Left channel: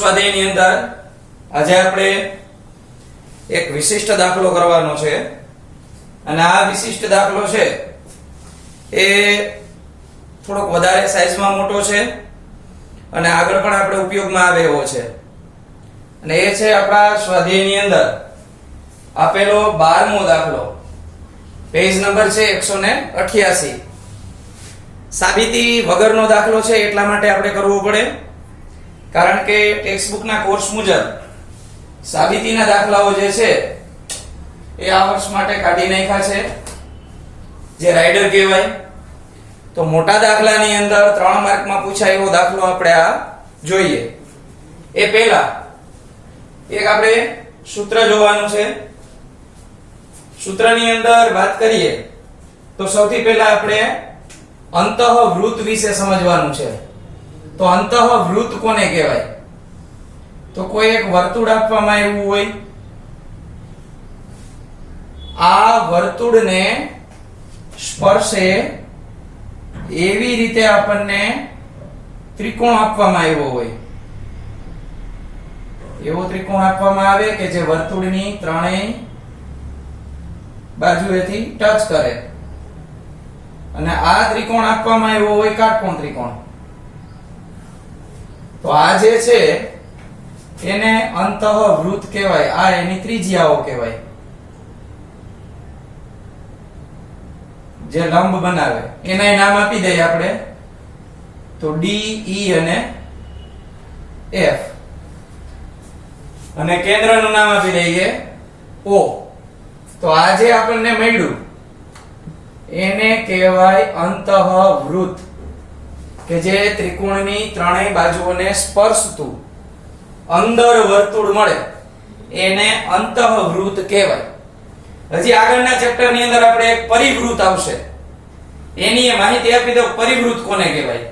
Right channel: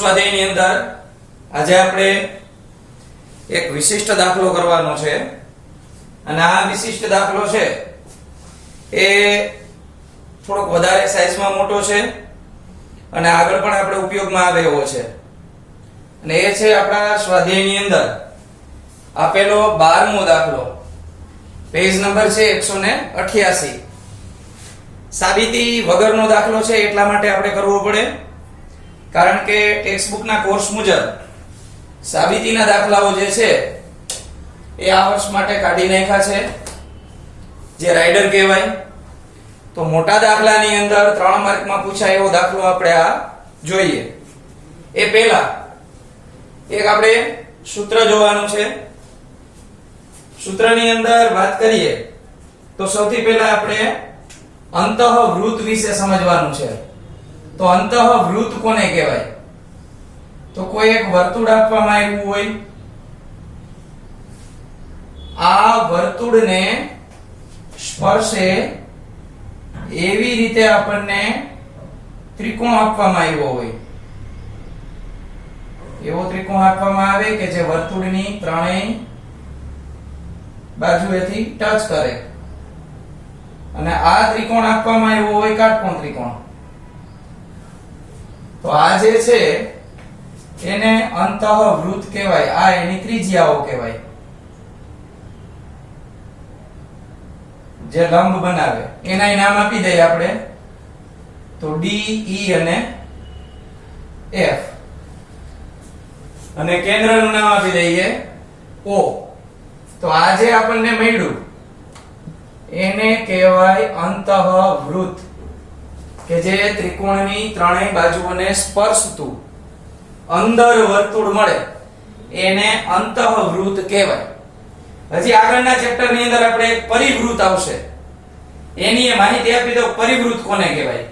સ્વાધ્યાયની અંદર આજે આપણે એક વિશિષ્ટ દાખલો કરવાનો છે અને આ વિશિષ્ટ દાખલો છે એ થોડોક વધારે સાઈઝમાં મોટો છે અને આગળ પણ આપણે ઉપયોગમાં આવે એવો છે અને એ છે આપણા સ્વાધ્યાયની અંદર આપેલો 12મો દાખલો પેજ નંબર છે 188 સાબિતી વગરનો દાખલો છે એટલા માટે આપણે કરવો પડે કારણ કે ટેક્સ્ટબુકના કોર્સ મુજબ સાબિતીના દાખલાઓ જે છે એ આ વર્ષ માટે કાઢી નાખ્યા છે જે રાઇડર કહેવાય તો મોટા દાખલાની અંદર 3 માર્કમાં પૂછાય એવો દાખલો આપણે આ જોઈએ એ પહેલા એક આપણે સૂત્ર જોવાનું છે સૂત્રની અંદર વાત કરીએ તો સૌથી પહેલા આપણે અંતઃવૃત્ત વિશે સમજવાનું છે તો અંતઃવૃત્ત કોને કહેવાય તો કોઈ એક વર્તુળ આપવામાં આવ્યું હોય આ વર્તુળને સ્પર્શે એવી રીતે આપણને ત્રિકોણ આપવામાં આવ્યો હોય એવો ત્રિકોણ આપવામાં આવે કે જે વર્તુળની ત્રણેય બાજુએથી ટચ કરે અને આ ત્રિકોણ આપવામાં આવ્યો હોય કાટકોણ ત્રિકોણ તો આ જે છે એને અંતઃવૃત્ત કહેવાય આ એની ત્રિજ્યાઓ કહેવાય જે લંબ બનાવે એના નામ આપી દઈએ આપણે તો ડી ઈ અને એફ અને કેન્દ્રનું નામ આપી દઈએ ઓ તો આ જે આપણને મળ્યું એને કહેવાય અંતઃવૃત્ત કે જે ત્રિકોણની ત્રણેય બાજુઓને સ્પર્શતું અંદર વર્તુળ મળે એને અંતઃવૃત્ત કહેવાય હજી આગળના ચેપ્ટરની અંદર આપણે એક પરિવૃત્ત આવશે એની માહિતી આપી દો પરિવૃત્ત કોને કહેવાય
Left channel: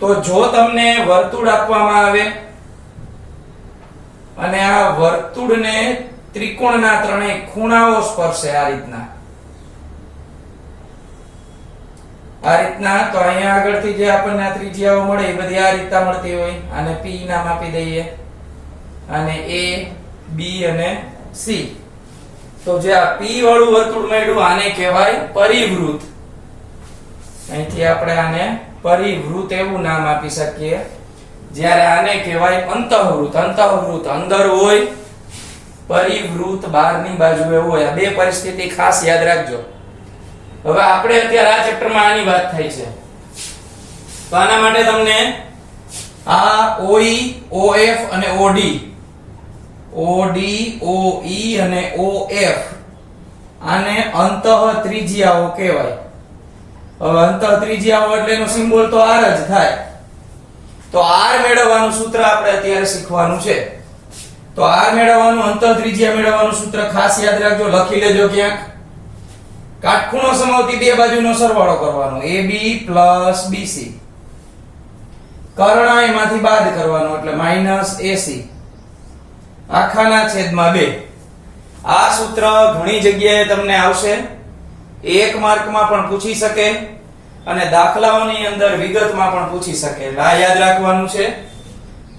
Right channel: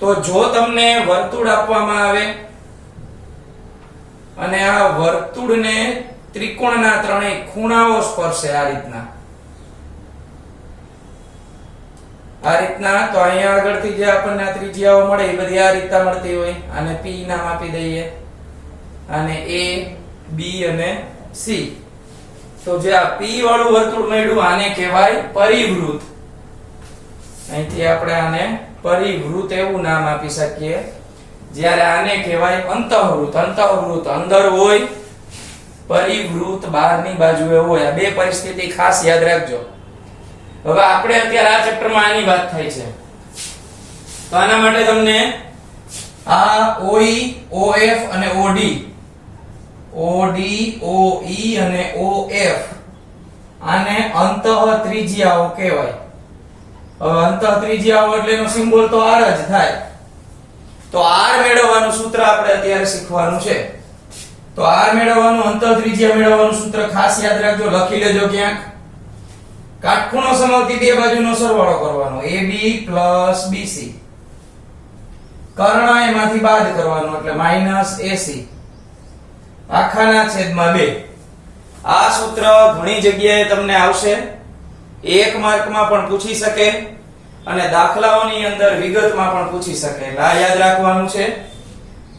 તો જો તમને વર્તુળ આપવામાં આવે અને આ વર્તુળને ત્રિકોણના ત્રણેય ખૂણાઓ સ્પર્શે આ રીતના તો અહીંયા આગળથી જે આપણને આ ત્રિજ્યાઓ મળે એ બધી આ રીતના મળતી હોય અને P નામ આપી દઈએ અને A B અને C તો જે આ P વાળું વર્તુળ મળ્યું આને કહેવાય પરિવૃત્ત અહીંથી આપણે આને પરિવૃત્ત એવું નામ આપી શકીએ જ્યારે આને કહેવાય અંતઃવૃત્ત અંદર હોય પરિવૃત્ત બહારની બાજુએ હોય આ બે પરિસ્થિતિ ખાસ યાદ રાખજો હવે આપણે અત્યારે આ ચેપ્ટરમાં આની વાત થઈ છે તો આના માટે તમને આ OE OF અને OD OE અને OF આને અંતઃ ત્રિજ્યાઓ કહેવાય હવે અંતઃ ત્રિજ્યાઓ એટલે એનો સિમ્બોલ તો R જ થાય તો R મેળવવાનું સૂત્ર આપણે અત્યારે શીખવાનું છે તો R મેળવવાનું અંતઃ ત્રિજ્યા મેળવવાનું સૂત્ર ખાસ યાદ રાખજો લખી લેજો ક્યાંક કાટખૂણો સમાવતી બે બાજુનો સરવાળો કરવાનો AB + BC કર્ણ એમાંથી બાદ કરવાનો એટલે -AC આખાના છેદમાં 2 આ સૂત્ર ઘણી જગ્યાએ તમને આવશે 1 માર્કમાં પણ પૂછી શકે અને દાખલાઓની અંદર વિગતમાં પણ પૂછી શકે એટલે આ યાદ રાખવાનું છે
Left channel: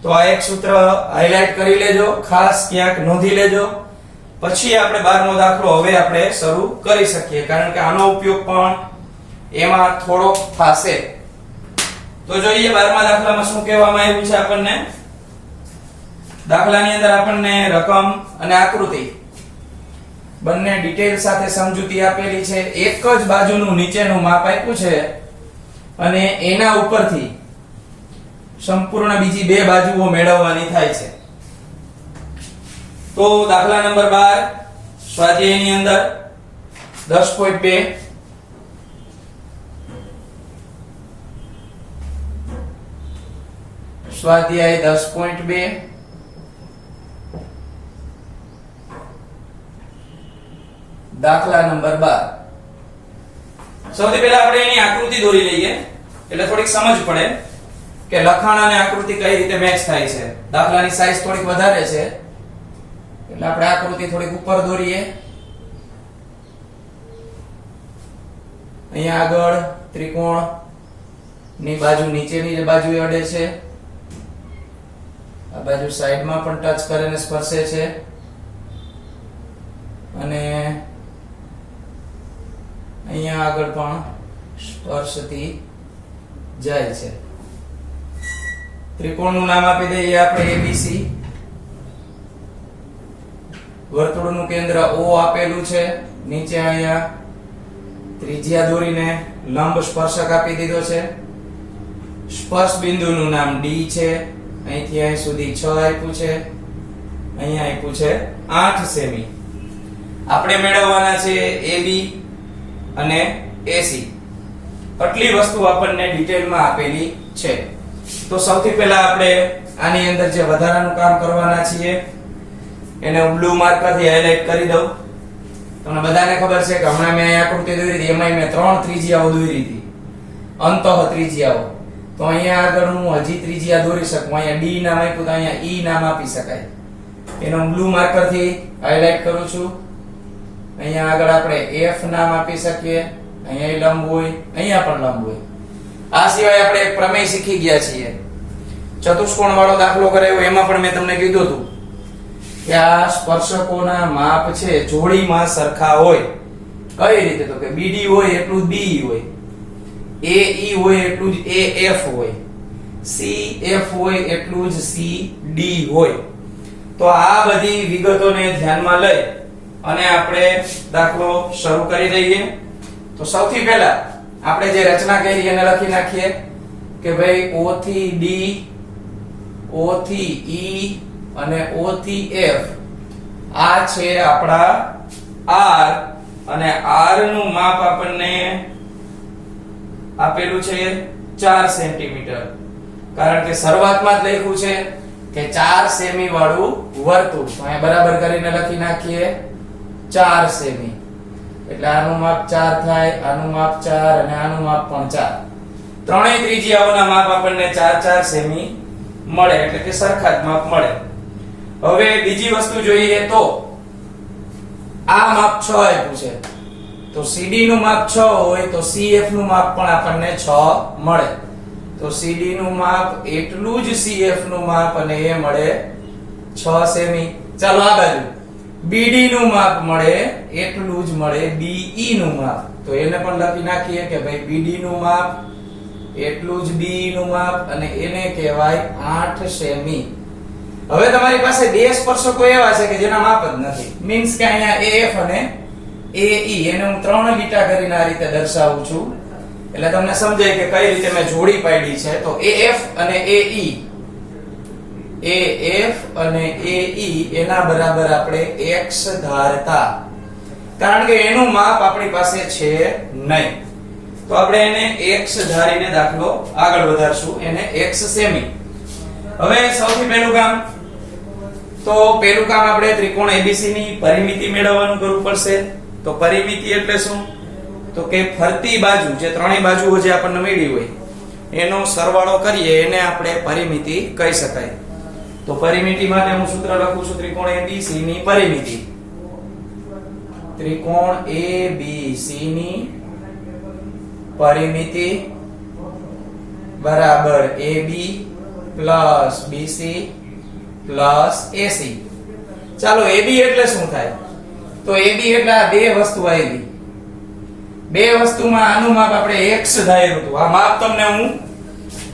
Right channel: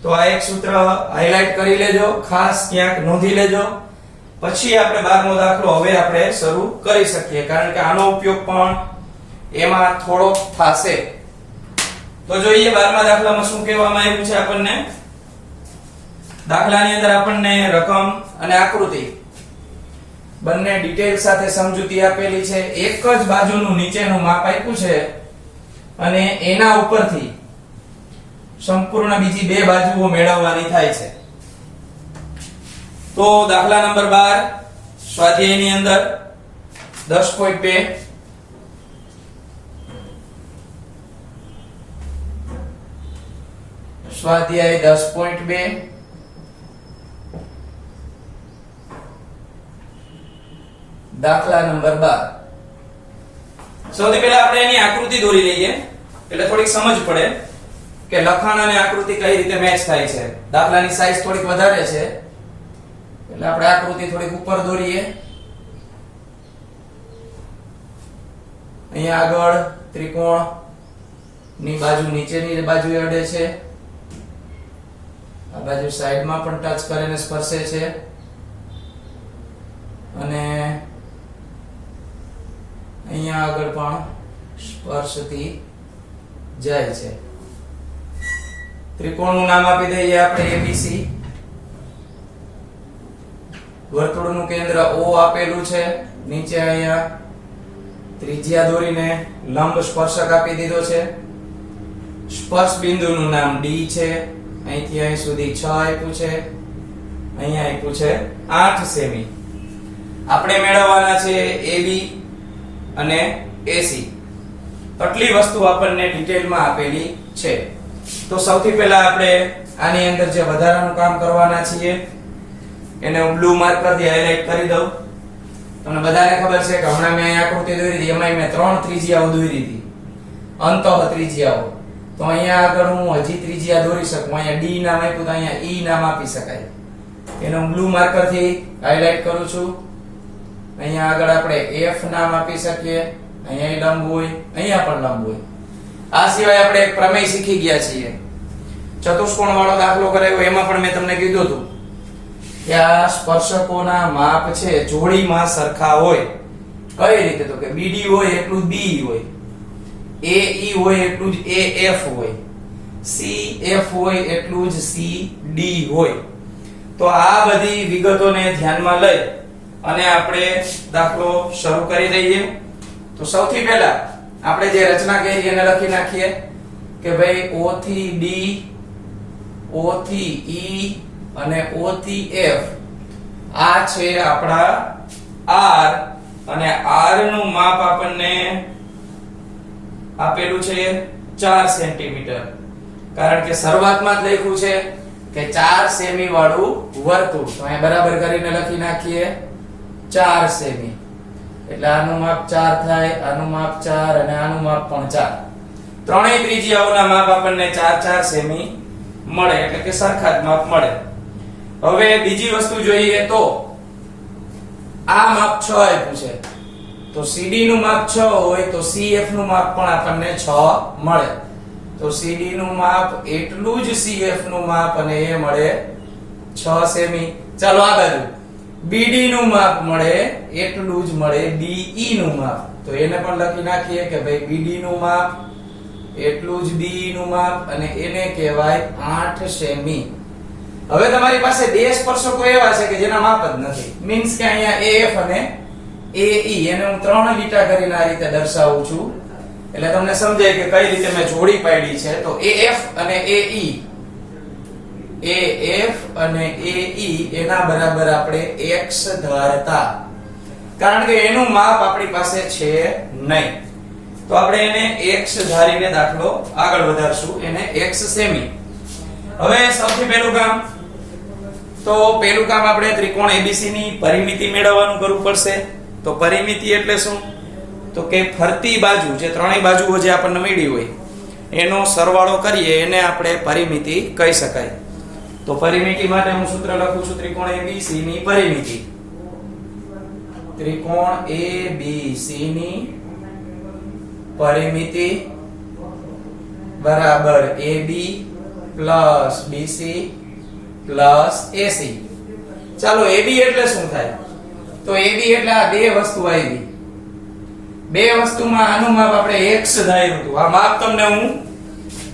તો આ એક સૂત્ર હાઇલાઇટ કરી લેજો ખાસ ક્યાંક નોંધી લેજો પછી આપણે 12મો દાખલો હવે આપણે શરૂ કરી શકીએ કારણ કે આનો ઉપયોગ પણ એમાં થોડો થશે તો જોઈએ 12મા દાખલામાં શું કહેવામાં આવ્યું છે આપણને દાખલાની અંદર આપણને રકમ અને આકૃતિ બંને ડિટેલ સાથે સમજૂતી આપેલી છે એક જ બાજુનું નીચેનું માપ આપ્યું છે અને એના ઉપરથી સંપૂર્ણ બીજી બે બાજુઓ મેળવવાની થાય છે તો દાખલા નંબર 12 સ્વાધ્યાયની અંદર 10.2 સ્વાધ્યાય 10.2 દાખલા નંબર 12 સૌથી પહેલા આપણે એની આકૃતિ દોરી લઈએ એટલે થોડીક સમજ પડે કે લખાણ અને આકૃતિ કઈ રીતે મેચ થાય છે દાખલાની સાઈઝ થોડીક વધારે છે એટલે આપણે આકૃતિ થોડીક ઉપર દોરીએ અહીંયા આગળ ત્રિકોણ ની બાજુ નીચેની બાજુએ અડે છે આ બાજુ સાઈડમાં પણ ટચ કરીને સ્પર્શે છે અને અહીંયા આગળ પણ સ્પર્શતી જાય છે. ત્રિકોણનું નામ આપી દઈએ આપણે એબીસી. વર્તુળનું કેન્દ્ર O આપેલું છે. નીચે અહીંયા ત્રિજ્યા દોરીને લંબ સ્પર્શક આપી દીધો છે. સ્પર્શ બિંદુનું નામ D છે. અહીંથી અહીં સુધી 6 આપ્યું છે. અહીંયા આપ્યું છે 8 સેમી. આપણે મેળવવાના છે AB અને AC. આટલી વસ્તુ આપણને ડિટેલમાં આપેલી છે. તો સૌથી પહેલા આપણે આની અંદર જે વધારાનું કામ કરવાના છીએ એને હું બ્લુ માર્કરથી હાઇલાઇટ કરી દઉં. તમને બધાને ખબર છે કે હમણાં મેં આકૃતિ દોરી હતી, એમાં મેં 3 ત્રિજ્યાઓ દોરી હતી, અંતઃ ત્રિજ્યાઓ. તો અહીંયા આગળ હું હજી ત્રિજ્યા દોરી શકું. અહીંયા D નામ આપ્યું તો અહીંયા E નામ આપી શકાય. એને હું બ્લુ માર્કરથી હાઇલાઇટ કરું છું. અહીંયા આગળ આપણે F નામ આપી શકીએ. અહીંયા લંબ હોય, અહીંયા પણ લંબ હોય. આ સિવાય આપણે એક પ્રમેય શીખી ગયા છીએ, ચતુષ્કોણ વાળો દાખલો કરાયો. એમાં પણ મેં તમને કીધું હતું કે આ સ્પર્શકોના માપ છે જોડીમાં સરખા હોય. કઈ રીતે? તો કે BD હોય એટલું જ BE હોય, AE હોય એટલું જ AF હોય, CF હોય એટલું જ CD હોય. તો આ બધી વિગતોને ધ્યાનમાં લઈ અને આપણે દાખલો શરૂ કરી દઈએ. તો સૌથી પહેલા આપણે જે રચના કરી એને લખી નાખીએ કે ભાઈ O થી D, O થી E અને O થી F આ છે આપણા R, અને R નું માપ આપણને આપેલું છે 4 સેન્ટીમીટર. કારણ કે શરૂઆતમાં જ લખ્યું છે કે 4 સેમી વાળું વર્તુળ. તો અહીંયા બરાબર કરીને લખી નાખીએ 4 સેમી. એટલે આનું માપ 4 થાય, આનું માપ 4 અને આનું માપ પણ 4. ત્રણેય ત્રિજ્યાઓના માપ આપણને 4 સેમી મળે, એટલે કે સરખા જ માપ મળે. હવે બીજી વસ્તુ જોઈએ તો આ માપ 6 આપ્યું છે, તો CD નું માપ 6 હોય તો CF નું માપ પણ આપણને 6 મળે. તો CD નું માપ એટલું જ CF નું માપ અને એ મળે 6 સેમી. ચાલો આ બાજુ BD નું માપ મળે એટલું જ મળે BE નું માપ. તો એને પણ લખી નાખીએ કે ભાઈ BD નું માપ એટલું જ BE નું માપ અને એને કહેવાય 8 સેમી. હવે તમારી પાસે બે સ્પર્શકો એવા છે કે જેના માપ જ નથી. મીન્સ કે અહીંયા AF અને AE એને હું 3 લીટા કરીને આ રીતે દર્શાવું છું, એટલે તમને સમજાય કે કઈ રીતે મેં જોડી પાડી છે. તો AF અને AE એના બરાબર આપણે x ધારતા, કારણ કે એનું માપ આપણી પાસે છે નહીં. તો આપણે એને x ધારીને દાખલો આગળ વધારશું, એને x સેમી. હવે સૌથી પહેલું કામ આપણે ત્રિકોણ ABC ની પરિમિતિ મેળવવાનું કરવું પડશે. તો પરિમિતિ એટલે શું? તો કે ફરતી બાજુ, જે ત્રણેય બાજુઓ જે આપણને મળી હોય એનો સરવાળો કરીએ એને આપણે પરિમિતિ કહી શકાય. તો પરિમિતિ માટે હું સૂત્ર લખું છું, ત્રિકોણ ABC ની પરિમિતિ. ત્રિકોણ ABC ની પરિમિતિ બરાબર AB plus BC plus AC. ચાલો AB એટલે શું થાય? તો AB એટલે આ બે વસ્તુ આવી. બે વસ્તુમાં આનું માપ આપણે x ધાર્યું હતું. આ માપ તમને હું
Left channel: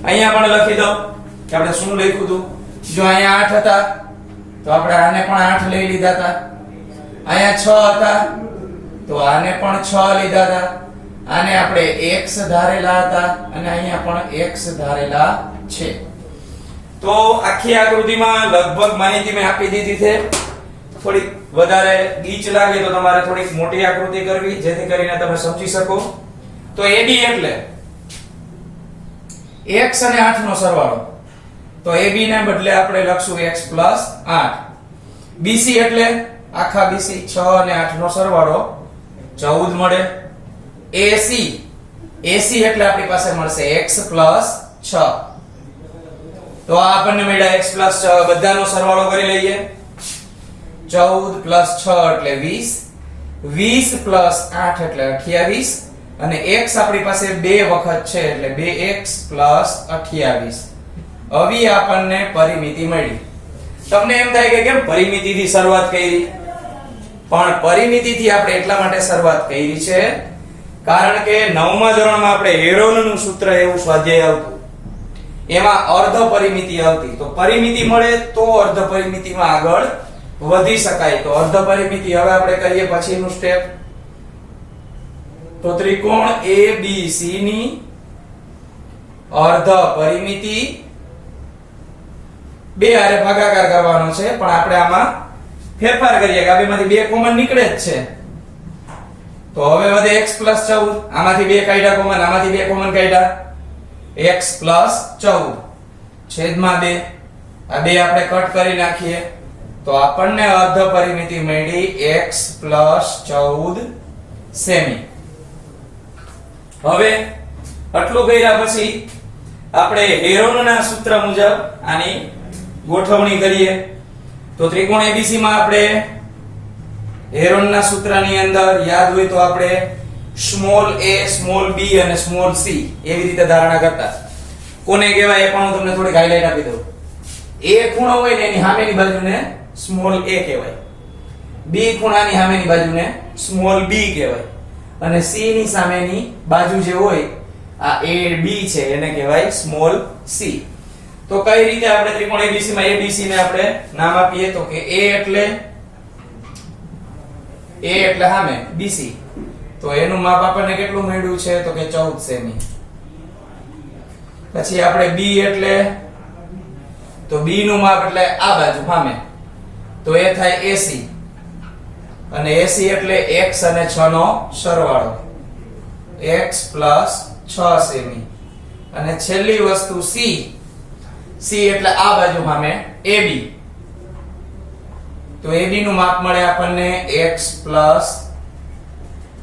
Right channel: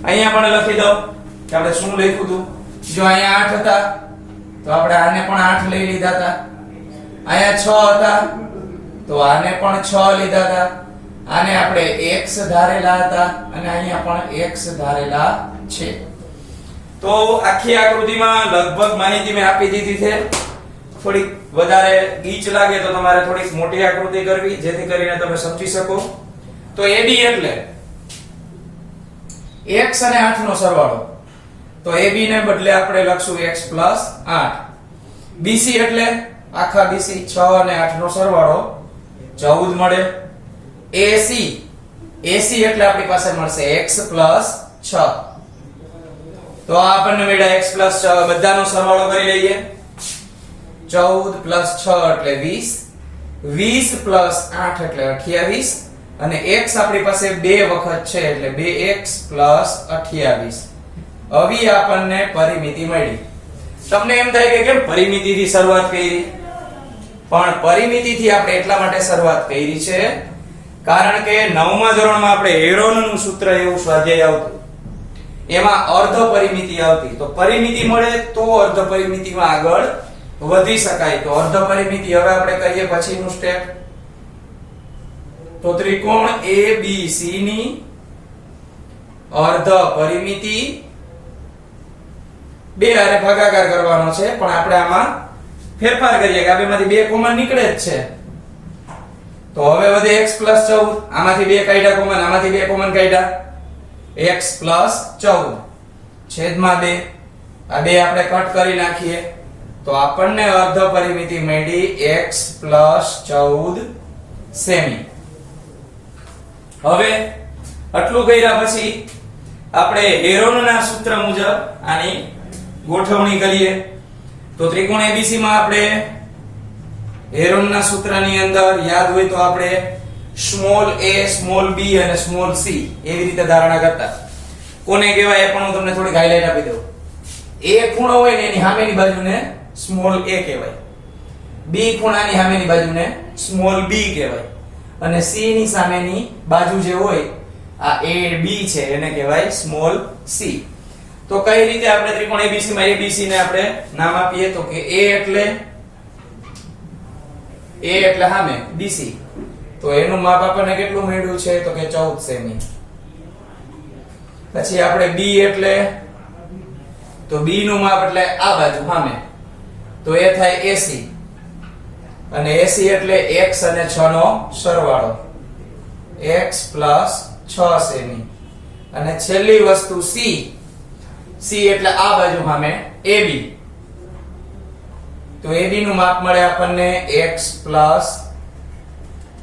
અહીંયા પણ લખી દઉં કે આપણે શું લખ્યું હતું. જો અહીંયા 8 હતા તો આપણે આને પણ 8 લઈ લીધા હતા. અહીંયા 6 હતા તો આને પણ 6 લીધા હતા. આને આપણે x ધારેલા હતા અને અહીંયા પણ x ધારેલા છે. તો આખી આકૃતિમાં લગભગ માહિતી મેં આપી દીધી છે. થોડીક વધારે ગીચ લાગે તો તમારે થોડીક મોટી આકૃતિ કરવી, જેથી કરીને તમે સમજી શકો. તો AD એટલે x અને 8 નો સરવાળો. તો AB ને બદલે આપણે લખશું x પ્લસ 8. BC એટલે આખા BC 6 અને 8 નો સરવાળો 14 મળે. AC એટલે આપણી પાસે મળશે x પ્લસ 6. તો આ આપણને મળ્યા x પ્લસ 6. બધાનો સરવાળો કરી લઈએ. 14 પ્લસ 6 એટલે 20, 20 પ્લસ 8 એટલે 28, અને x આપણી પાસે બે વખત છે એટલે 2x પ્લસ 28. આવી આપણને પરિમિતિ મળી. તમને એમ થાય કે કેમ પરિમિતિથી શરૂઆત કરી? પણ પરિમિતિથી આપણે એટલા માટે શરૂઆત કરી છે કારણ કે 9મા ધોરણમાં આપણે હેરોનનું સૂત્ર એવું સ્વાધ્યાય આવતું, એમાં અર્ધ પરિમિતિ આવતી. તો પરિમિતિ મળે તો અર્ધ પરિમિતિમાં આગળ વધી શકાય. તો અર્ધ પરિમિતિ હવે આપણે કરીએ પછીનું સ્ટેપ. તો ત્રિકોણ ABC ની અર્ધ પરિમિતિ બે હારે ભાગાકાર કરવાનો છે, પણ આપણે આમાં ફેરફાર કરીએ કે આ બેમાંથી બે કોમન નીકળે જ છે. તો હવે વધે x + 14. આમાંથી બે કાઢ્યા કોમન, આમાંથી બે કોમન કાઢ્યા, x + 14 છેદમાં 2. આ બે આપણે કટ કરી નાખીએ તો આપણને અર્ધ પરિમિતિ મળી x + 14 સેમી. હવે આટલું કર્યા પછી આપણે હેરોનના સૂત્ર મુજબ આની ગોઠવણી કરીએ. તો ત્રિકોણ ABC માં આપણે હેરોનના સૂત્રની અંદર યાદ હોય તો આપણે સ્મોલ a, સ્મોલ b અને સ્મોલ c એવી રીતે ધારણા કરતા. કોને કહેવાય એ પણ હું તમને થોડીક હાઇલાઇટ આપી દઉં. a ખૂણો હોય ને એની સામેની બાજુને સ્મોલ a કહેવાય, b ખૂણાની સામેની બાજુને સ્મોલ b કહેવાય, અને c ની સામેની બાજુ જે હોય આ a b છે એને કહેવાય સ્મોલ c. તો કઈ રીતે આપણે ત્રિકોણ ABC માં ABC ને આપણે નામ આપીએ તો કે a એટલે સામે BC. તો એનું માપ આપણને કેટલું મળ્યું છે તો કે 14 સેમી. પછી આપણે B એટલે તો B નું માપ એટલે આ બાજુ સામે, તો એ થાય AC, અને AC એટલે x અને 6 નો સરવાળો, x + 6 સેમી. અને છેલ્લી વસ્તુ C એટલે આ બાજુ સામે AB. તો AB નું માપ મળે આપણને x +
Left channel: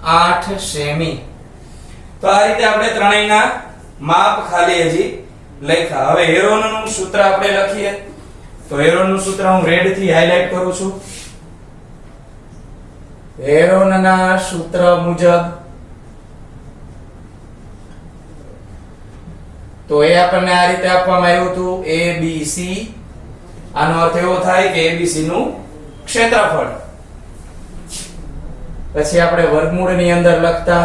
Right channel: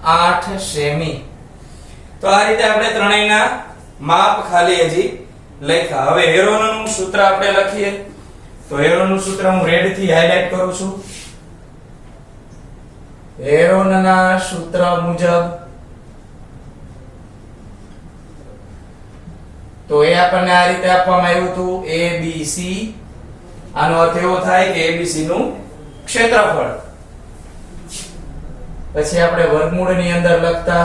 8 સેમી. તો આ રીતે આપણે ત્રણેયના માપ ખાલી હજી લખ્યા. હવે હેરોનનું સૂત્ર આપણે લખીએ. તો હેરોનનું સૂત્ર હું રેડ થી હાઇલાઇટ કરું છું. હેરોનના સૂત્ર મુજબ તો એ આપણને આ રીતે આપવામાં આવ્યું હતું ABC. આનો અર્થ એવો થાય કે ABC નું ક્ષેત્રફળ. પછી આપણે વર્ગમૂળની અંદર લખતા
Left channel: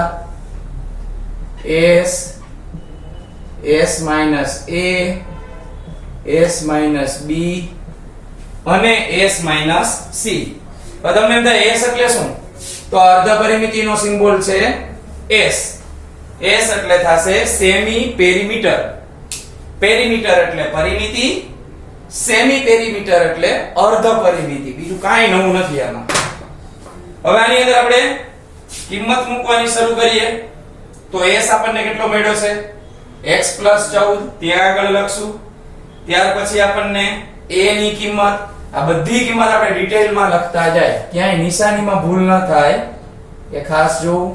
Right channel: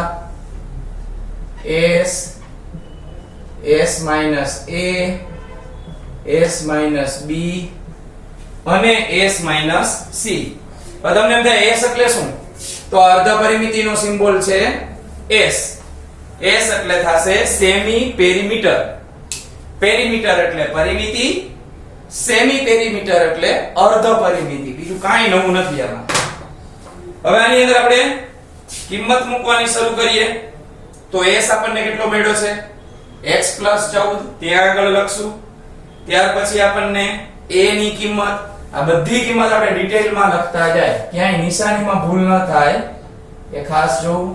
s - a, s - b અને s - c. હવે તમને એમ થાય s એટલે શું? તો અર્ધ પરિમિતિનો સિમ્બોલ છે s. s એટલે થશે સેમી પેરીમીટર. પેરીમીટર એટલે પરિમિતિ, સેમી પેરીમીટર એટલે અર્ધ પરિમિતિ. બીજું કાંઈ નવું નથી આમાં. હવે આની અંદર આપણે કિંમત મૂકવાની શરૂ કરીએ. તો s આપણને કેટલો મળ્યો છે? x + 14 ત્યાં આગળ લખશું. ત્યાર પછી આપણને a ની કિંમત, આ બધી કિંમત આપણે ડિટેલમાં લખતા જાય, ક્યાંય નિશાનીમાં ભૂલ ન થાય એ ખાસ જોવું.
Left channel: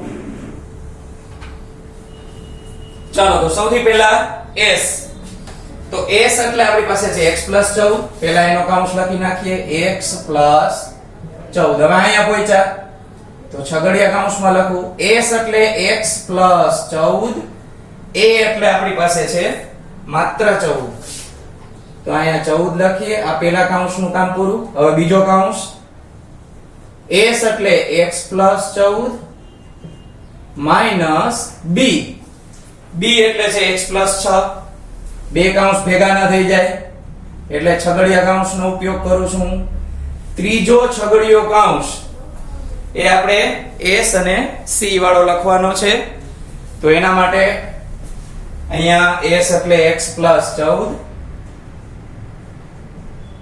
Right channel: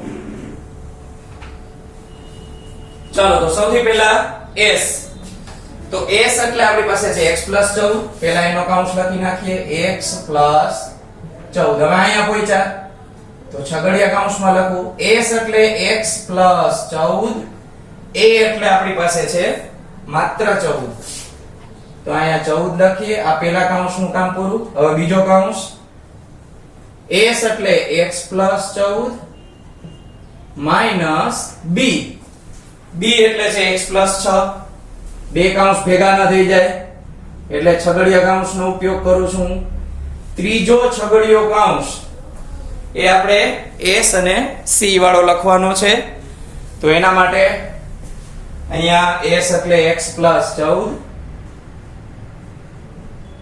ચાલો તો સૌથી પહેલા s. તો s એટલે આપણી પાસે છે x + 14. પહેલા એનો કૌંસ લખી નાખીએ, x + 14. હવે અહીંયા પહોંચ્યા તો છગડીયા કૌંસમાં લખું s એટલે x + 14, a એટલે આપણી પાસે છે માત્ર 14. તો અહીંયા 14 લખીએ. આ પહેલા કૌંસનું કામ પૂરું. હવે બીજો કૌંસ, s એટલે x + 14 - b. b એટલે છે x + 6. બે કૌંસ ભેગા ન થઈ જાય એટલે છગડીયા કૌંસનો ઉપયોગ કરું છું. ત્રીજો છગડીયો કૌંસ એ આપણે s અને c વાળો લખવાનો છે. તો એના માટે અહીંયા s એટલે x + 14,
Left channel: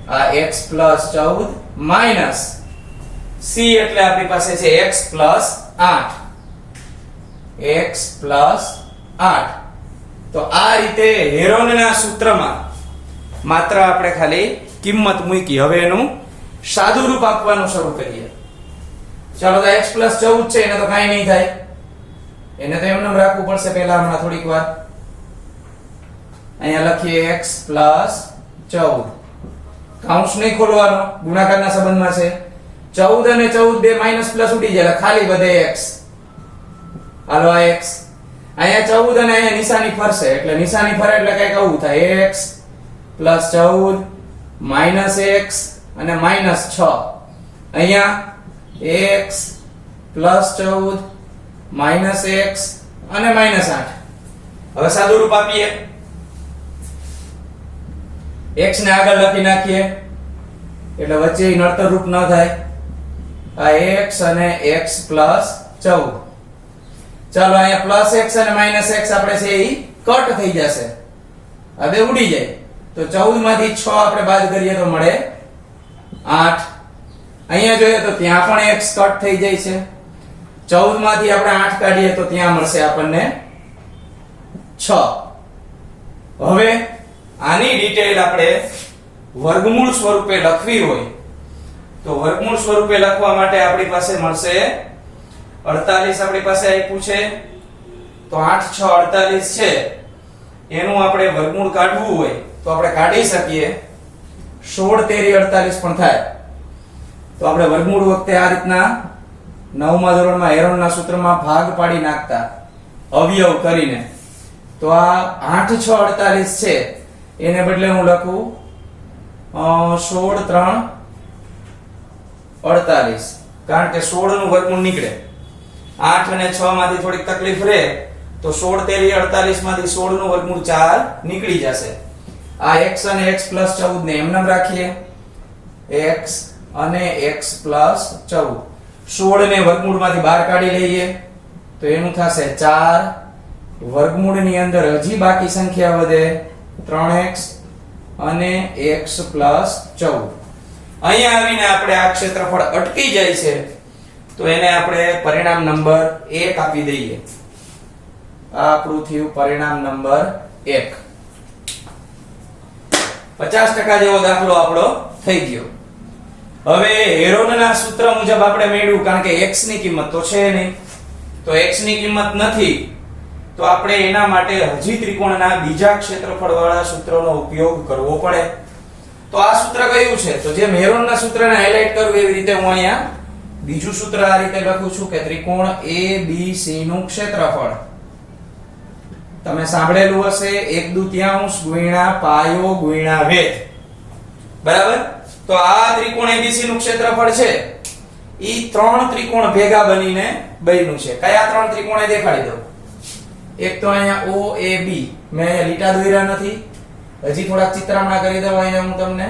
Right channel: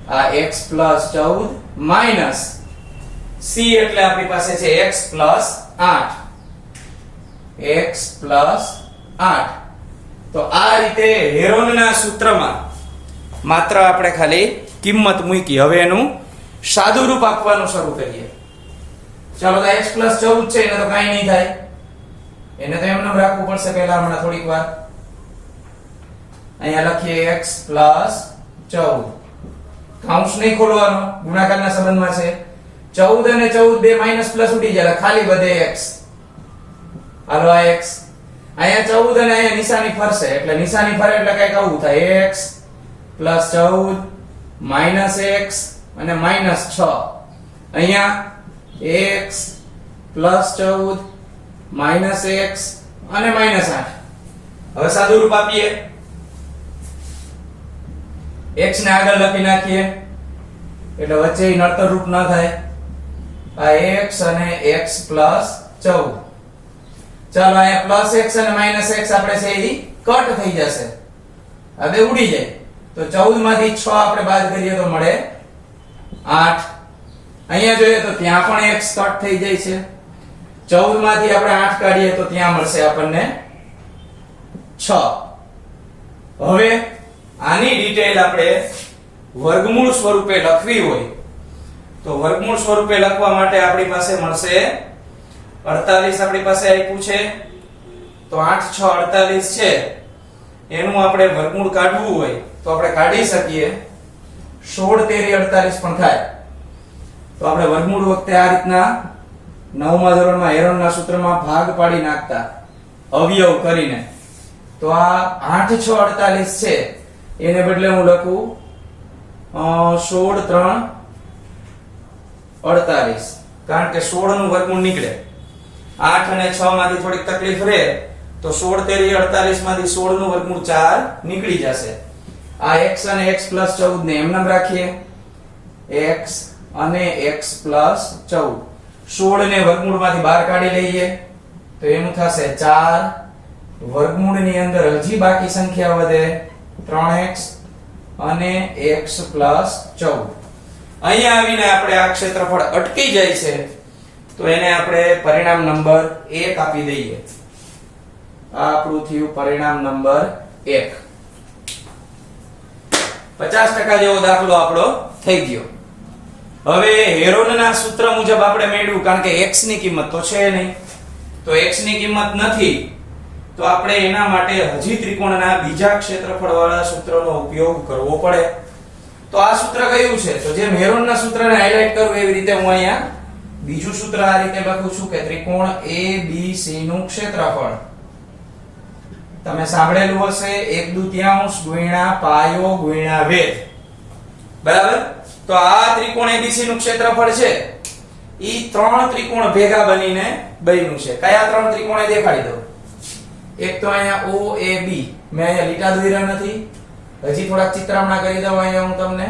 આ x + 14 માઈનસ c એટલે આપણી પાસે છે x + 8, x + 8. તો આ રીતે હેરોનના સૂત્રમાં માત્ર આપણે ખાલી કિંમત મૂકી. હવે એનું સાદું રૂપ આપવાનું શરૂ કરીએ. ચાલો તો x + 14 છે, એને તો કાંઈ નહીં થાય, એને તો એમને રાખવું પડશે પહેલા હમણાં થોડીક વાર. અહીંયા લખીએ x + 14. કૌંસ નહીં ખોલવાનો, ગુણાકારના સંબંધમાં છે. 14 અને 14 બે માઈનસ પ્લસ ઉડી જાય, ખાલી વધે x. હાલો આ x, અહીંયા 14 અને અહીંયા નિશાની ફરશે, એટલે નિશાની ફરે એટલે કઈક આવું થાય, x પ્લસ 14 માઇનસ x અને માઇનસ 6. અહીંયા x પ્લસ 14 માઇનસ x અને માઇનસ 8. હવે સાદું રૂપ આપીએ, x ને આગળ લખી નાખીએ એટલે વચ્ચે નડતર રૂપ ન થાય. આ x અને x પ્લસ 14. ચાલો અહીંયા પ્લસ x અને માઇનસ x આપણે છે એ કટ થઈ જશે, આ બે ઉડી જાય. તો 14 માંથી 6 આપણે બાદ કરીએ તો મળે 8. અહીંયા જોઈએ તો ત્યાં પણ x કટ થઈ જાય છે. 14 માંથી આપણે 8 કાઢીએ તો ત્યાં મળશે આપણને 6. હવે આની ડિટેલ આપણે વર્ગમૂળ સ્વરૂપે લખવી હોય તો વર્ગમૂળ સ્વરૂપે લખવા માટે આપણી પાસે મળશે 48. આપણી પાસે આપ્યું છે તો 8 6 48 છે. એનું આપણે વર્ગમૂળ કાઢવું હોય તો આપણે કાઢી શકીએ. 16 તેરી 48 પણ થાય. તો આપણે વર્ગમૂળ વખતે આ રીતના 9મા ધોરણમાં હેરોનના સૂત્રમાં ભાગ પાડી નાખતા અવયવ કરીને. તો આ 8 6 48 છે એને બદલે હું લખું 16 3 48, કારણ કે 16 નું વર્ગમૂળ નીકળે. 8 અને 6 માંથી થોડીક તકલીફ રહે તો 16 તેરી 48 માંથી 16 નું વર્ગમૂળ 4 નીકળી જશે. આ x અને x પ્લસ 14 ને એમ નામ રાખીએ, x અને x પ્લસ 14. 16 ને વર્ગમૂળ માંથી બહાર કાઢી લઈએ તો એનું થશે 4. વર્ગમૂળ ની અંદર હજી બાકી સંખ્યા વધે 3x અને x પ્લસ 14. અહીંયા આવીને આપણે આ ક્ષેત્રફળ અટકી જાય છે તો એને આપણે પરિણામ નંબર 1 આપી દઈએ. આ આપણું થયું પરિણામ નંબર 1. 50% જેવો દાખલો આપણો થઈ ગયો. હવે હેરોનના સૂત્ર મુજબ આપણે મેળવ્યું, કારણ કે x ની કિંમત તો છે નહીં, તો x ની કિંમત નથી તો આપણે એના માટે હજી ત્રિકોણના બીજા ક્ષેત્રફળ વાળા સૂત્રનો ઉપયોગ કરવો પડે. તો આ સૂત્ર કયું છે? તો જેમ હેરોનના સૂત્રને હાઇલાઇટ કરું એવી રીતે હું અહીંયા બીજું સૂત્ર આ રીતે લખું છું કે ત્રિકોણ ABC નું ક્ષેત્રફળ. તમે સાંભળેલું હશે 1/2 ગુણ્યા પાયો ગુણ્યા વેધ. બરાબર? તો આ ત્રિકોણ ABC નું ક્ષેત્રફળ છે ઈ 3 ત્રિકોણ ભેગા બનીને બન્યું છે. કયા 3 ત્રિકોણ એ દેખાડી દો. એક તો અહીંયા OAB, મેં અહીંયા લીટા દોર્યા નથી, હજી થોડાક ચિત્રામણા કરી દઉં અહીંયા હું તમને.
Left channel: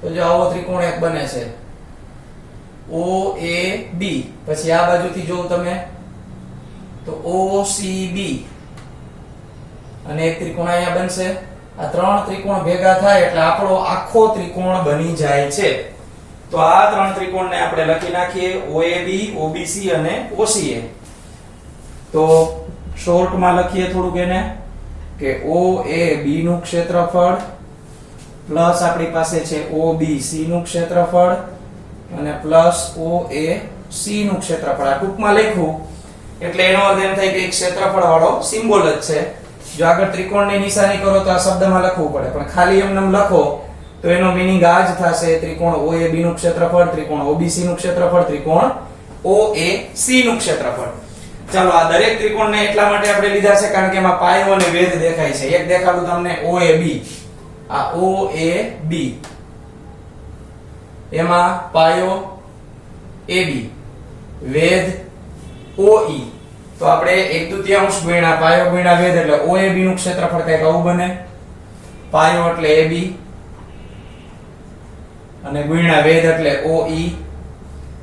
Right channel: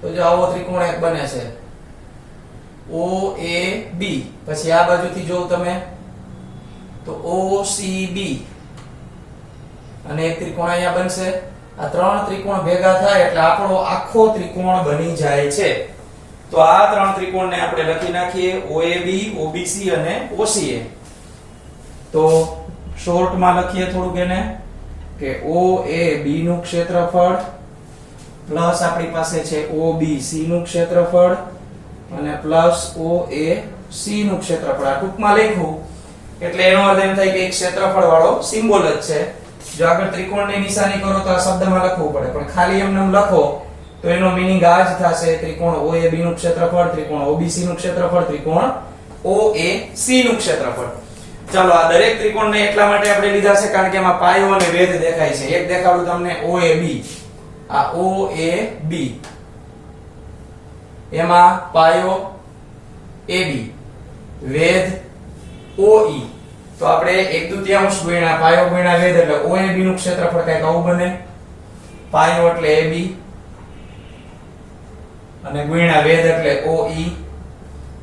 તો જો આવો ત્રિકોણ એક બને છે OAB. પછી આ બાજુથી જોઉં તમે તો OCB અને એક ત્રિકોણ અહીંયા બનશે. આ 3 ત્રિકોણ ભેગા થાય એટલે આપણો આખો ત્રિકોણ બની જાય છે. તો આ 3 ત્રિકોણને આપણે લખી નાખીએ OAB, OBC અને OCA. તો શોર્ટમાં લખીએ થોડુંક એને કે OAB નું ક્ષેત્રફળ પ્લસ આપણી પાસે છે OBC નું ક્ષેત્રફળ અને પ્લસ OAC નું ક્ષેત્રફળ. આ ટૂંકમાં લખ્યું એટલે એનો અર્થ એમ થાય કે એક ક્ષેત્રફળ વાળો સિમ્બોલ જ છે. જો આગળ ત્રિકોણની નિશાની કરો તો આ શબ્દમાં લખવું પડે, પણ ખાલી એમને લખો તો એનો મીનિંગ આ જ થશે. ત્રિકોણ OAB નું ક્ષેત્રફળ, ત્રિકોણ OBC નું ક્ષેત્રફળ, ત્રિકોણ OAC નું ક્ષેત્રફળ. ચાલો આ દરેક ત્રિકોણને એટલા માટે આપણે લીધા છે કારણ કે એમાં પાયો અને વેધ દેખાય છે. એક દેખાડું તમને OAB. આ OAB એમાં પાયો AB, વેધ OE. તો આપણે 1/2 ગુણ્યા પાયો ગુણ્યા વેધ એટલે OAB નું ક્ષેત્રફળ કંઈક આવું બને. પાયો એટલે AB અને ગુણ્યા વેધ એટલે OE.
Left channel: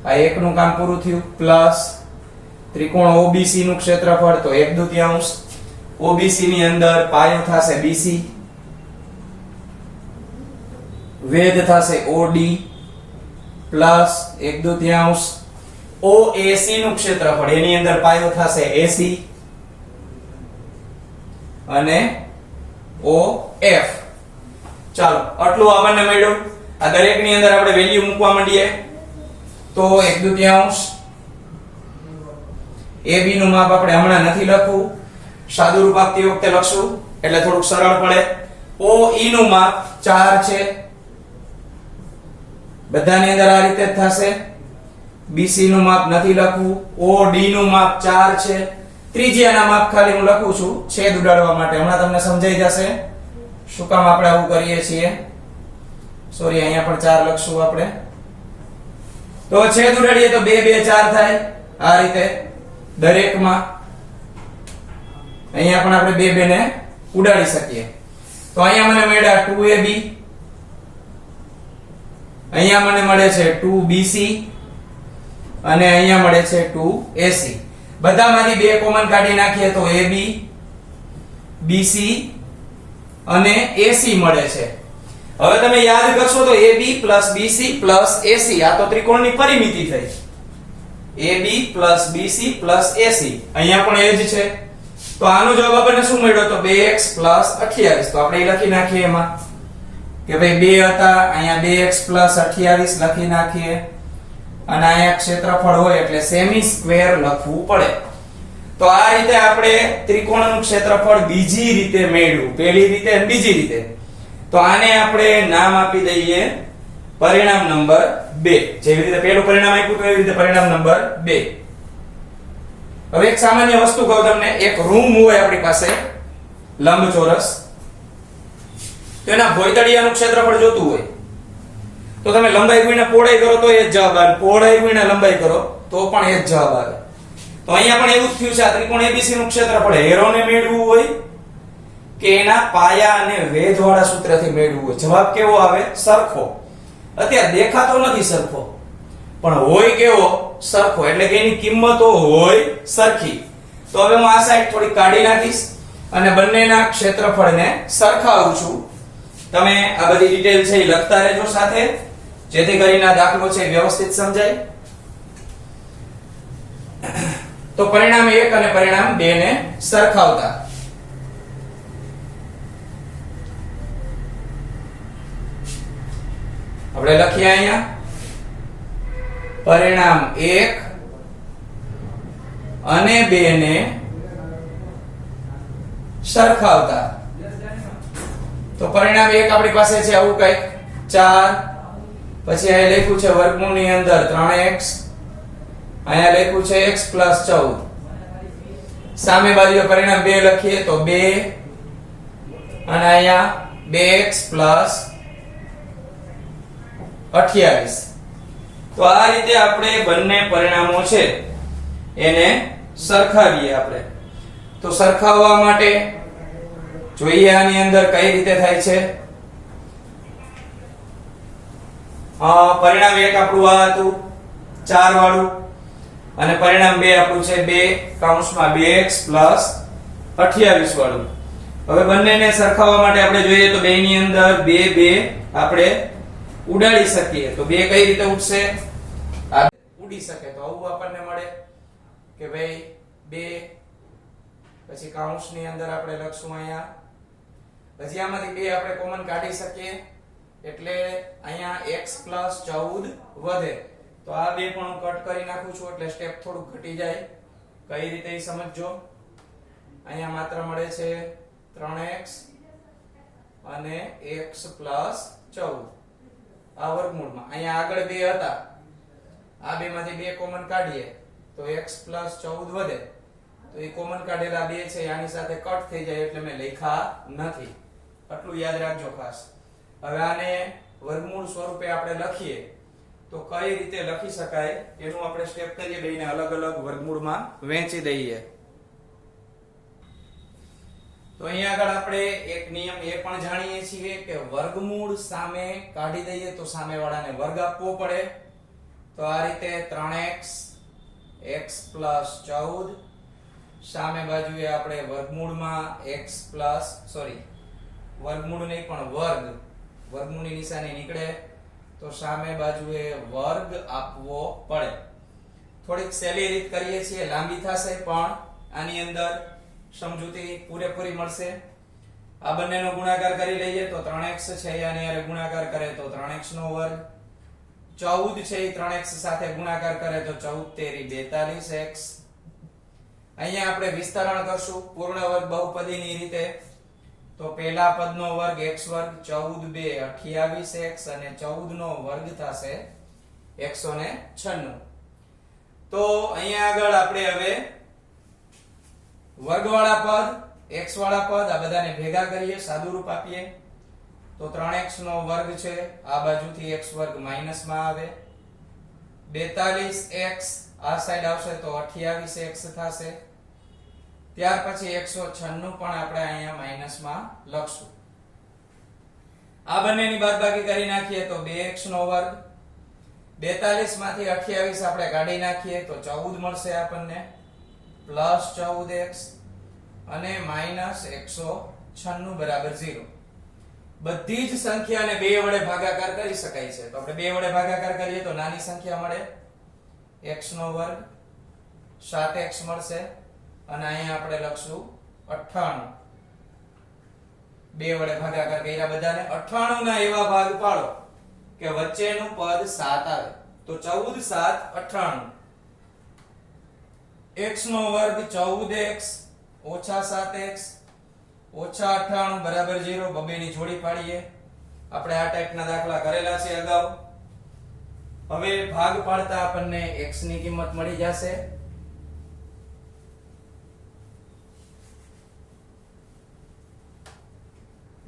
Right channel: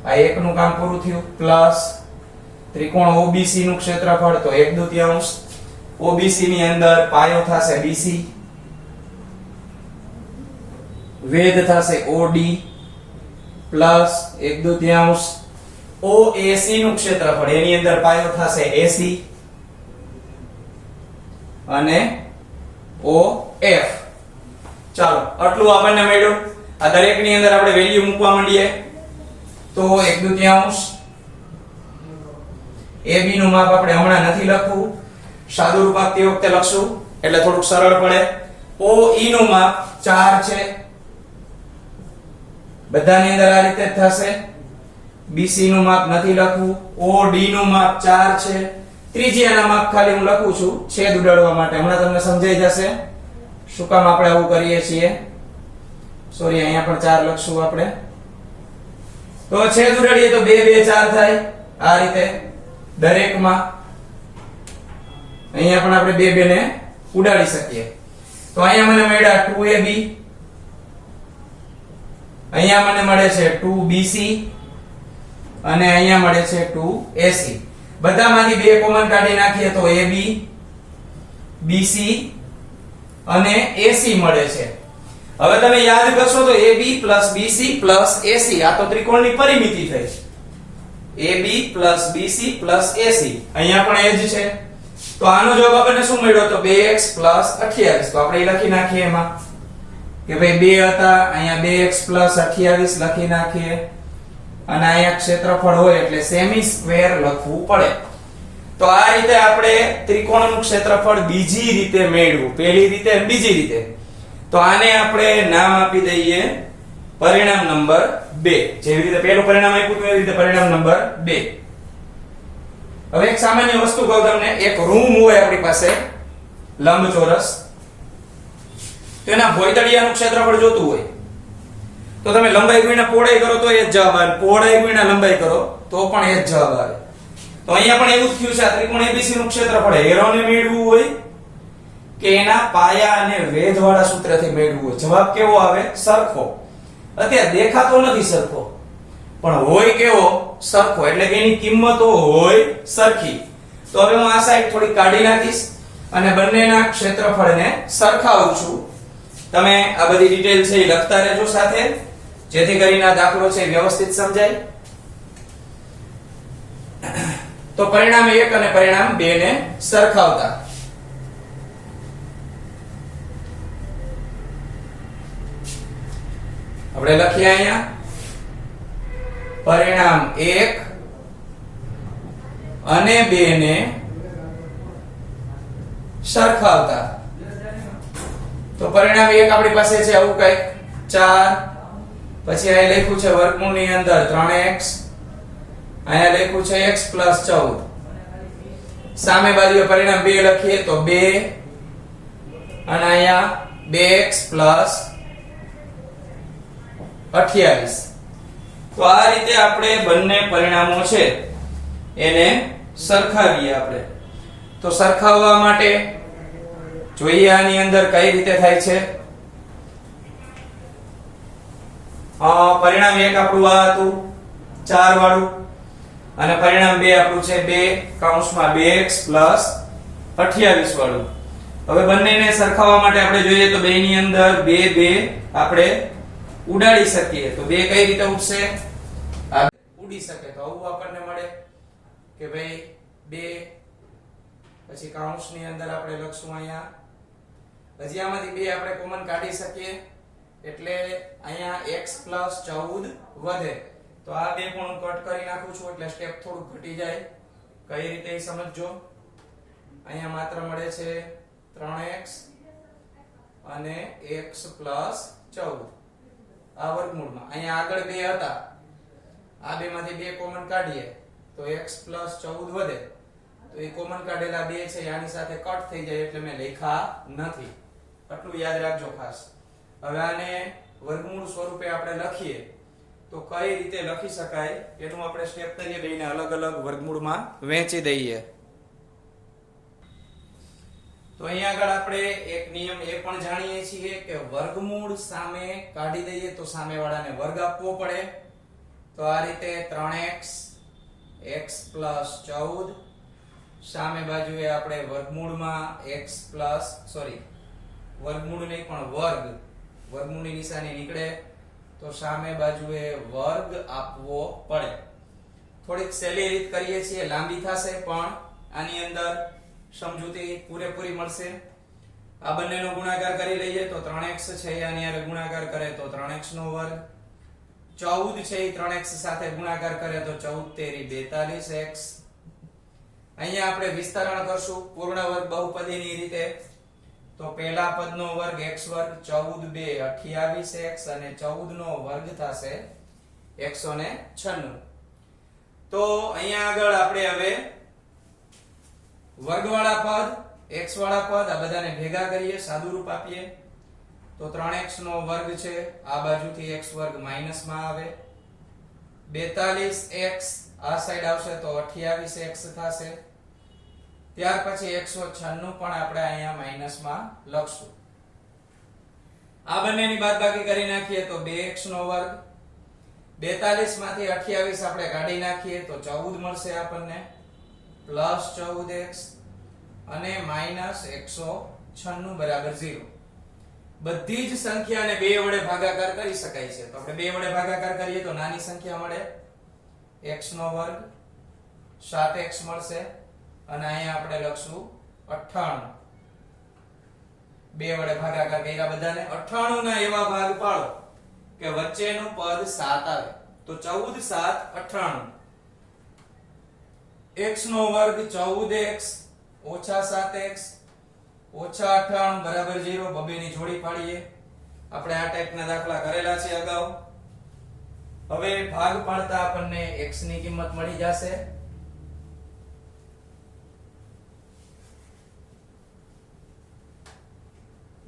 આ એક નું કામ પૂરું થયું. પ્લસ ત્રિકોણ OBC નું ક્ષેત્રફળ તો 1/2. OBC ની અંદર પાયો થશે BC, વેધ થશે OD પ્લસ 1/2 OAC નું ક્ષેત્રફળ એની અંદર પાયો થશે AC અને OF. ચાલો આટલું આપણને મળ્યું. આ દરેકની અંદર આપણે વેલ્યુ મૂકવા માંડીએ તો 1/2 AB નું માપ આપણે હમણાં નથી લખવું, સાદું રૂપ આપતી વખતે લખશું એટલે થોડુંક સરળ પડે. OE નું માપ 4 છે, બધાની અંદર આ રીતે જ થશે. BC નું માપ નથી લખવું. OD નું માપ 4 છે. ત્રિજ્યાના માપ ખાલી હું લખું છું છેદ ઉડાડવા માટે, હમણાં તમને સમજાઈ જશે. શું કામ આપણે આવું કરીએ છીએ? સોરી, અહીંયા પણ 4 લખશું આપણે. તો છેદ ઉડાડીએ તો 2 2 4 થાય આ રીતે દરેકમાં. અહીંયા પણ આપણે 2 2 ને ઉડાડી શકીએ. તો અહીંયા મને મળ્યા 2ab, અહીંયા મને મળે છે 2bc અને અહીંયા મળે છે 2ac. બધામાંથી 2 કોમન કાઢી નાખીએ તો ab, bc અને ac મળે છે. હવે તમે યાદ કરશો તો ab bc ac આ તો ત્રિકોણની પરિમિતિ થઈ. ab bc ac અહીંયા પણ એ જ છે. તો આનો જવાબ આપણને શું મળ્યો? તો 2x 28. તો આપણે લખી નાખીએ એમાં કે ભાઈ 2 હતા, અહીંયા 2x 28 લખી નાખીએ અને અહીંયા ક્ષેત્રફળ હોય એટલે સેમી સ્ક્વેર લખવું પડે. તો આ રીતે આપણે ત્રિકોણનું ક્ષેત્રફળ બીજી રીતે મેળવ્યું. પહેલી રીતે અને બીજી રીતે. તો આને આપણે નામ આપી દઈએ પરિણામ નંબર 2. જેવી રીતે પહેલું પરિણામ આપ્યું તો એવી રીતે પરિણામ નંબર 2. હવે એક સામાન્ય વસ્તુ કહું તમને. એક રૂમ હોય આપણી પાસે લંબચોરસ, તેના ભોયતળિયાનું ક્ષેત્રફળ જોતું હોય તો તમે લંબાઈ ગુણ્યા પહોળાઈ કરો તો એ જ જવાબ આવે, પહોળાઈ ગુણ્યા લંબાઈ કરો તો પણ એ જ જવાબ આવે. તો અહીંયા પણ એવું જ થયું છે. આ ત્રિકોણ ABC નું ક્ષેત્રફળ હેરોને મેળવવું હોય કે એના પાયા અને વેધવાળા સૂત્રથી મેળવવું હોય, જવાબ કેવો આવે? સરખો. અત્યારે દેખાતો નથી સરખો, પણ હોય કેવો? સરખો. એટલે કે એની કિંમતો હોય સરખી. તો હવે હું આ સાઈડ થોડી કાઢી નાખીશ અને બંનેના ક્ષેત્રફળને સરખાવું છું. તમે આ બધી ડિટેલ છે એ લખતા રહેજો સાથે, જેથી કરીને આ દાખલો છે વ્યવસ્થિત સમજાય. તો પરિણામ 1 અને પરિણામ 2 ને સરખાવતા આપણે લખીએ અહીંયા પરિણામ 1 અને 2 ને સરખાવતા. તો પરિણામ 1 આપણી પાસે છે આવું કંઈક 4, પછી અહીં લખ્યું છે વર્ગમૂળની અંદર 3x, અહીંયા લખ્યું છે x 14. સામે બાજુએ પરિણામ 2 લખીએ તો 2 અને અહીંયા 2x 28. તો આ રીતે આપણે બંને પરિણામો છે એને સરખાવીએ આપણે. તો સરખાવવા માટે જોઈએ આની અંદર કઈ રીતે થાય છે. પરિણામ 1 આપણું આ હતું 4 વાળું અને પરિણામ 2 આપણું છે 2(2x 28 વાળું. હવે બંનેને સરખાવવા માટે આપણે જોઈએ તો 2 ની અંદર 2 2 આપણે ઉડાડી શકીએ. તો 2 કઈ રીતે ઉડશે? આ ઉડી શકે. તો આવું આપણને મળે કે ભાઈ 2 પછી કૌંસની અંદર આપણે લખશું અહીંયા. હજી આમાંથી 2 આપણે કોમન કાઢી શકીએ એટલે અહીંયા x 14 વધે. તો આ 2 પણ હું કટ કરી નાખું છું એટલે સ્ટેપ થોડું ઘટી જાય. કઈ રીતે એ સમજજો. અહીંયા માત્ર મળે છે 3x અને x 14 આ વર્ગમૂળમાં. અહીંયા આગળ 2 હતા, આ 2 માંથી 2 કોમન કાઢીએ તો x 14 વધે. તો એ કોમન કાઢેલા 2 છે આની સાથે કટ થઈ જાય એટલે મેં લખ્યા નથી. આટલું યાદ રાખજો ખાસ. હવે આને વર્ગમૂળ સ્વરૂપે આપણે લખીએ તો કઈ રીતે લખી શકાય એનું આપણે સ્ટેપ કરીએ. બેને અલગ અલગ વર્ગમૂળમાં વહેંચી દઈએ. તો અહીંયા આગળ આપણે એક નિયમ એ પણ જાણીએ છીએ કે વર્ગમૂળ સામે કાઢી દઈએ તો સામેવાળાને વર્ગ આપવો પડે. તો આ રીતે 3x x 14 સામે બાજુએ આપણે વર્ગમૂળમાં વર્ગમૂળ નહીં પણ વર્ગમૂળની નિશાની નીકળે તો સામે બાજુએ વર્ગ આપવો પડે. થોડીક સહેલી રીત કરીએ છીએ, લાંબી થશે પણ આની અંદર સમજૂતી પૂરેપૂરી મળશે. આ બંનેનો ગુણાકાર કરી લઈએ તો 3x છે આની હારે ગુણાકાર કરે તો 3x નો વર્ગ, 14 છે એ 3x સાથે ગુણાકાર કરે તો 14 તેરી 42x. અહીંયા આપણે વિસ્તરણ કરશું પૂર્ણ વર્ગ બહુપદીની રીતે. તો પહેલા પદનો વર્ગ x વર્ગ 14 2 28x અને 14 નો વર્ગ થશે 196. તો અહીંયા આગળ આપણે હવે વર્ગવાળા પદ x વાળા પદ આ બધાને ભેગા કરીએ, સાદુરૂપ આપીએ તો 3x નો વર્ગ છે, આ બાજુથી x વર્ગ માઈનસ માં આવે, 42x આ સાઈડ આવશે તો 28x થશે. ત્યાર પછી 196 પણ આપણે અહીંયા માઈનસ માં લખશું. આ બંનેની બાદબાકી કરી નાખીએ તો 2x નો વર્ગ, 42 માંથી 28 આપણે કાઢી નાખીએ તો 14 મળશે આપણને, પ્લસ 14x અને માઈનસ 196 બરાબર 0. બધી જ સંખ્યાને 2 વડે ભાગાકાર કરી શકાય છે, તો આપણે 2 વડે ભાગાકાર કરીએ તો નાની સંખ્યા મળે x નો વર્ગ, 7x મળશે અને અહીંયા આપણે લખશું 98. 2 વડે ભાગાકાર કર્યા બધાને, 98 ના એવા ભાગ પાડો કે વચ્ચેનું પદ 7 આવે, તો 14 7 98. x નો વર્ગ 14x ઓછા 7x ઓછા 98 બરાબર 0. બબેની જોડી પાડીએ. આપણે આ ટાઈપના દાખલા કરેલા છે અગાઉ. હવે ભાગ પાડતા આપણને x ની કિંમત મળી જશે.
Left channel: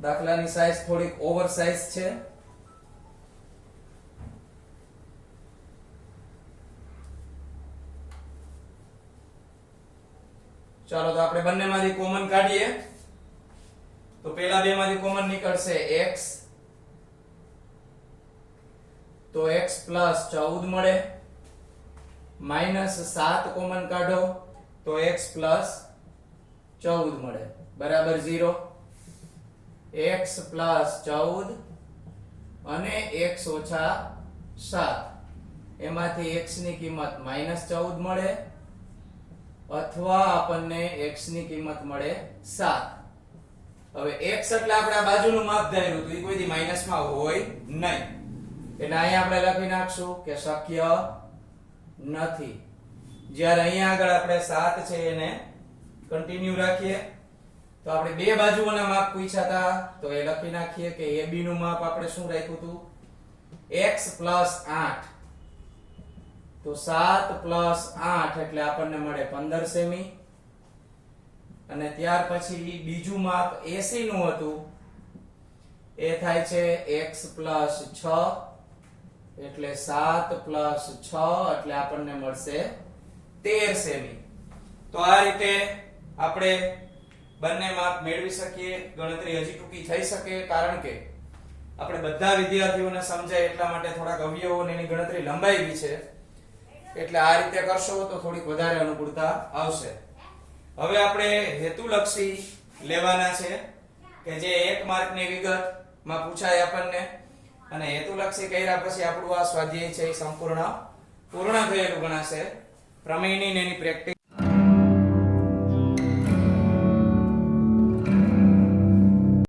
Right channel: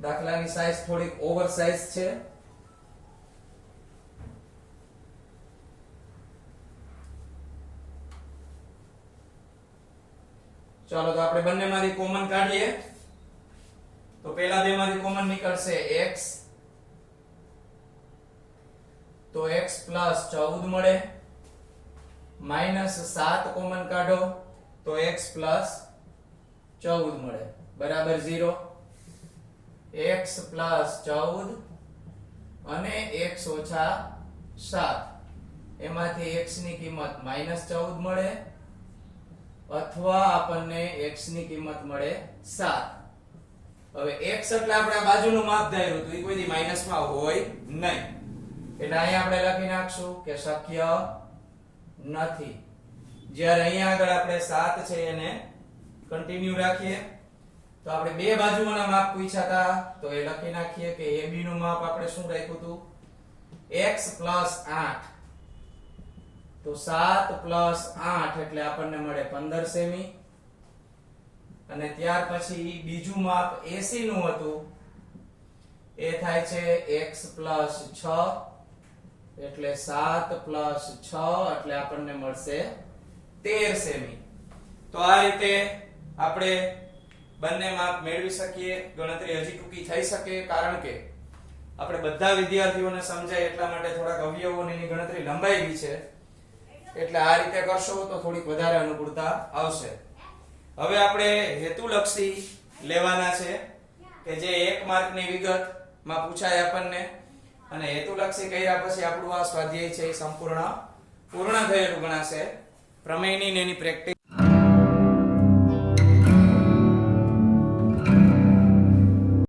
દાખલાની સાઈઝ થોડીક ઓવર સાઈઝ છે. ચાલો તો આપણે બંનેમાંથી કોમન કાઢીએ. તો પહેલા બેમાંથી કોમન નીકળશે x, તો x પ્લસ 14 મળે, માઈનસ 7 કોમન કાઢો તો x પ્લસ 14 મળે બરાબર 0. x પ્લસ 14 અને x ઓછા 7 એમાંથી x ની કિંમત માઈનસ 14 મળે અથવા આપણને x ની કિંમત મળે 7. હવે x એટલે આપણે આ બાજુનું માપ ધાર્યું તો એ કોઈ દી માઈનસ માં હોય નહીં, એટલે અહીંયા આપણે લખી નાખશું કે શક્ય નથી. જ્યારે અહીંયા આગળ આપણે 7 છે એને કન્ટિન્યુ રાખીએ તો આપણે બે બાજુઓના માપ પૂછ્યા હતા તો એ લખી નાખીએ કે AB નું માપ આપણે શું રાખ્યું હતું x પ્લસ 8, તો 7 પ્લસ 8 એટલે આપણને મળે 15 સેમી. અને ત્યાર પછી બીજું માપ AC નું હતું એ થાય છે x પ્લસ 6 એટલે 7 પ્લસ 6 એટલે આપણને મળશે 13 સેમી. તો આ રીતે આપણે બંને માપ મેળવી શકીએ. ગણતરી હજી ટૂંકી થઈ શકે કારણ કે આપણે બધા વિદ્યાર્થીઓને સમજાય એટલા માટે થોડાક અવયવોની ગણતરી લંબાવી છે, એટલે આ રીતે કરશો તો થોડીક વધારે અનુકૂળતા આવશે. હવે આપણે હેતુલક્ષી લેવાના છે કે જે 1 માર્કની વિગતમાં પૂછાય આપણને, અને હેતુલક્ષી કર્યા પછી આપણું આ સ્વાધ્યાય છે એ સંપૂર્ણ પૂર્ણ થયેલું ગણાશે. પ્રમેયની એની પ્રેક્ટિસ